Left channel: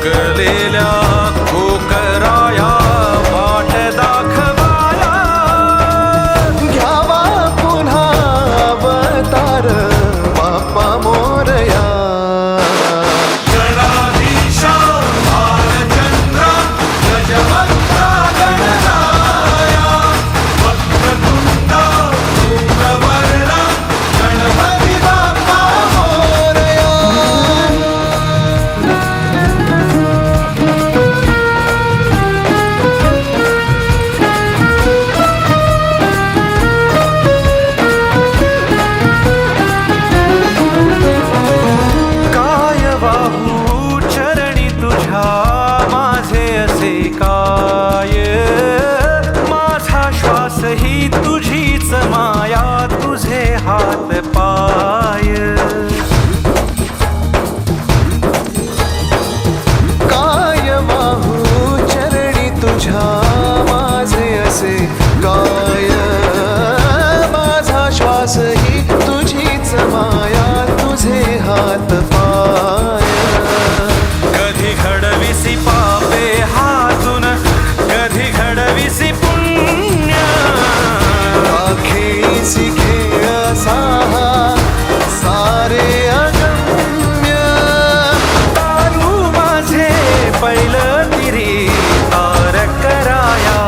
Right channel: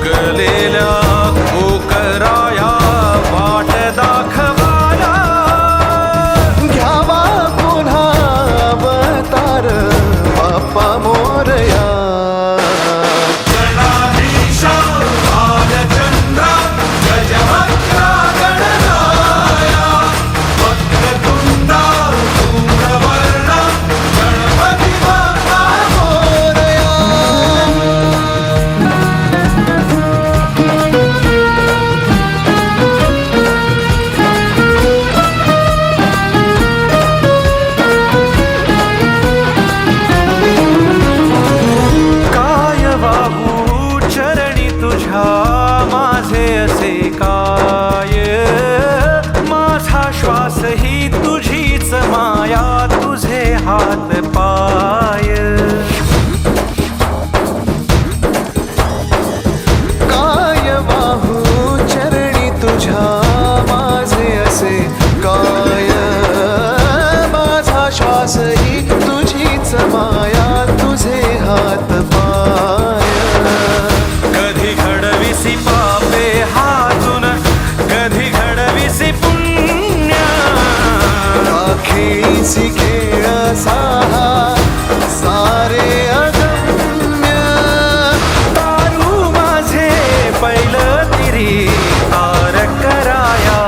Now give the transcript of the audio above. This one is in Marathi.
थकलेल्या कोकराया वाट दाखवाया, घ्यावा पुन्हा अवतार बाप्पा मोरया. वाहू चरणी तुझ्या माझे असे काय, माझा श्वास ही तुझीच माया, तुझे हात पाय. काय वाहू चरणी तुझ्या माझे असे काय, माझा श्वास ही तुझीच माया, तुझे हात पाय. कधी घडविसी पापे हातून, कधी घडविसी पुण्य, खेळीसी खेळ साहा सारे अगम्य. तारू माझे पैल तिरी तार कराया,